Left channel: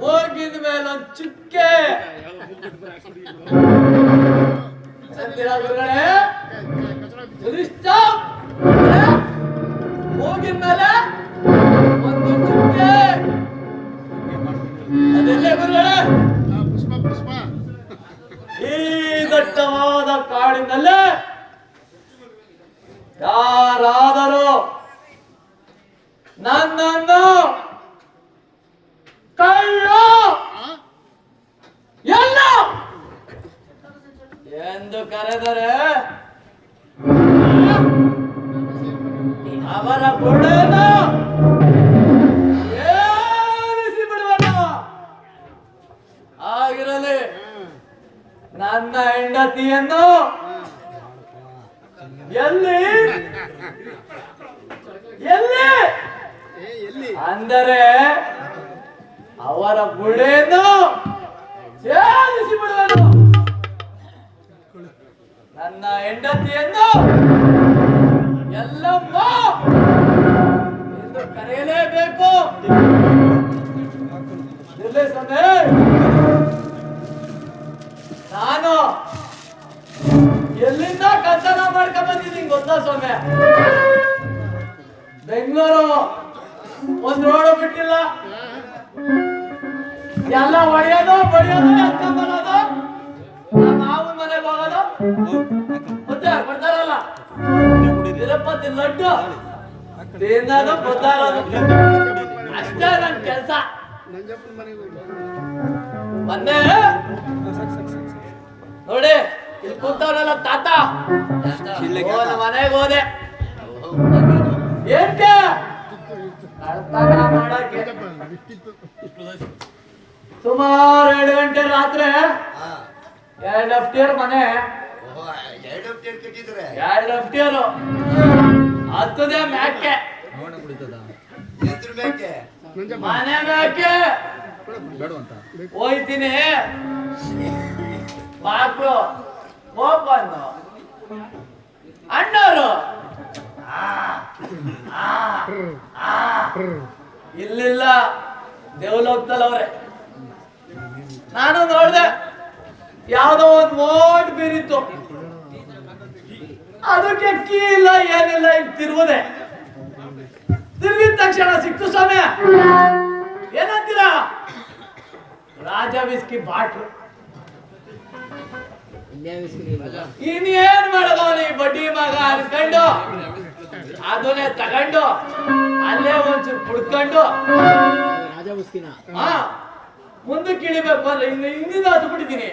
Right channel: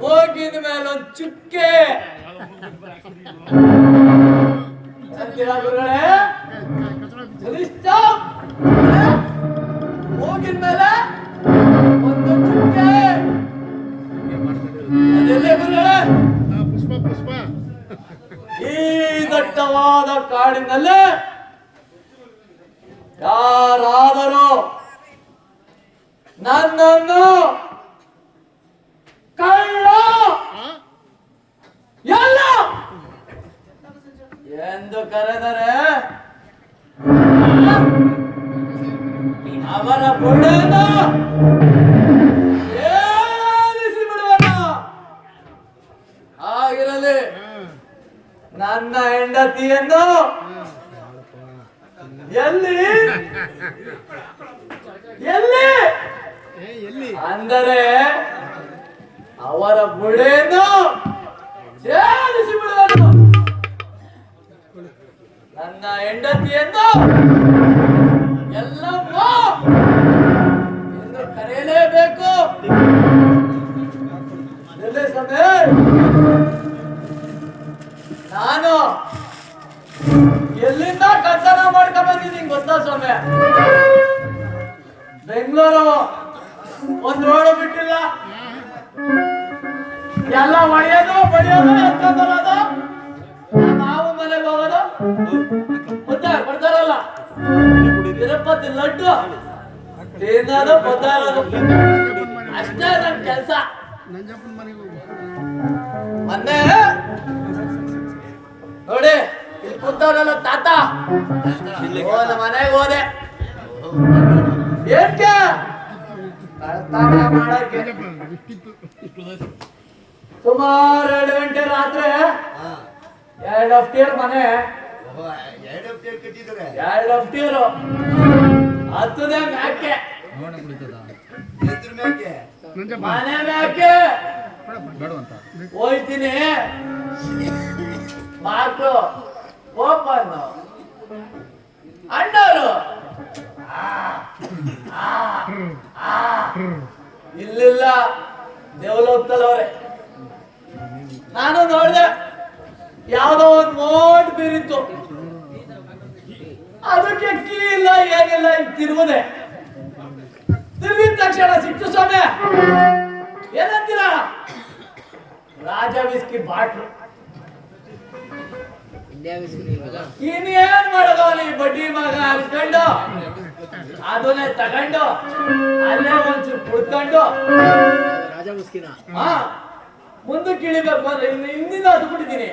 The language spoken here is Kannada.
ಹೋಗಿದ ಮೇಲೊಂದು ಚುಕ್ಕೆ ಹೋಗಿದ ಮೇಲೆ ಒಂದು ಚುಕ್ಕೆ ಅದೆಲ್ಲ ಗುರುಗಳೇ ಈ ದಟ್ಟವಾದ ಕಾಡಿನಲ್ಲೇ ಯಾರಾದರೂ ನನ್ನನ್ನು ಕಳ್ಳ ಎಲ್ಲ ಎಂದು ಕರೆದರೆ ಅವರ ಬುಡನ್ನು ಏರಿಸಿ ಬಿಡುವನ. ಆಗಿರಲಿ ನನ್ನ ಹೆಂಡತಿಯನ್ನು ಎಲ್ಲಿ ಎಲ್ಲಿ ಅಂದರೆ ಅವರ ಬುಡೆಯನ್ನು ಸೇರಿಸಿ ಬಿಡುವನು. ನನ್ನ ಹೆಂಡತಿಯನ್ನು ಎಲ್ಲಮ್ಮ ಎಂದು ಕರೆಯಲೇಬೇಕು. ನಾನು ಎಲ್ಲಿಂದ ಕಳ್ತನ ಮಾಡ್ಕೊಂಡ್ ಬಂದಿದ್ದೀನಿ ಗೊತ್ತಾ ಸ್ವಾಮಿ? ಬೆಂಗಳೂರು ಒಂದ್ ರೋಡ್ ಬಿಟ್ಟಿಲ್ಲ, ಎಲ್ಲ ಹೊಡೆಯೋದು ಬಡಿಯೋದು ಎತ್ಕೊಂಡ್ ಬರೋದು, ನಾವು ಮನೆಗೆ ಹೋಗೋದು ಬರ್ತಾರಲ್ಲ ತಿರುಪತಿ ಲಡ್ಡು ತಿನ್ನೋದು ಬರ್ತಾರೋದು ಅಷ್ಟೇ ನನ್ ಕೆಲ್ಸ. ಮೊನ್ನೆ ನೋಡಿ ಇಲ್ಲಿ ಕೂತವನಲ್ಲ ತಾತ, ನಮ್ಮ ಮನೆಗೆ ಹೋದೆ. ಏನ್ಕೆ ಕಳ್ತನ ಮಾಡಕ್ಕೆ ಸುಮಾರು 2 ಗಂಟೆ ರಾತ್ರಿ 2 ಅಫ್ಟಿಯರ್ ಮನೆ, 2 ಅಫ್ಟಿಯರು ಹತ್ತದೇ ಮ್ಯಾಕೆ ಮನೆ ಮ್ಯಾಕೆ ಹೋಯ್ತೀನಿ. ಮಕ್ಕಳು ಕೋಪನ್ನು ಅಣ್ಣವರು ಇಲ್ಲಿಲ್ಲ ದೇವಲೋಕದಲ್ಲವ್ರೆ. ನಾನು ನೋಡ್ದೆ ಯಾವ್ದೋ ಒಂದು ಮೋಟ್ ಬೀರಿತ್ತು, ಅದಕ್ಕೆ ಕೀ ಇಲ್ಲ ಏನಿಲ್ಲ, ಈಗ ತಿರುವುದೆ. ತಿರುಗಿದ ತಕ್ಷಣ ಸಿಕ್ತು ಸ್ವಾಮಿ. ಏನಂತೀರಾ? ರಾಜ ವಿಸ್ಕಿ ಬಾಟ್ಲು. ಇನ್ನೇನ್ ಮಾಡೋದು ಈ ಬಡ್ಡಿ ಮಗ ಅನ್ಕೊಂಡು ಅದನ್ನೇ ತಗೊಂಡು ಅಲ್ಲೇ ಒಂಚೂರು ಕುಡ್ಕೊಂಡು ಮುಂದಕ್ಕೆ ಇಳಿಬೇಕು ಮಾರ. ಇನ್ನು ಹಿಂದಿನ ಅದು ಬಿಟ್ಟಿದ್ದೀನಿ.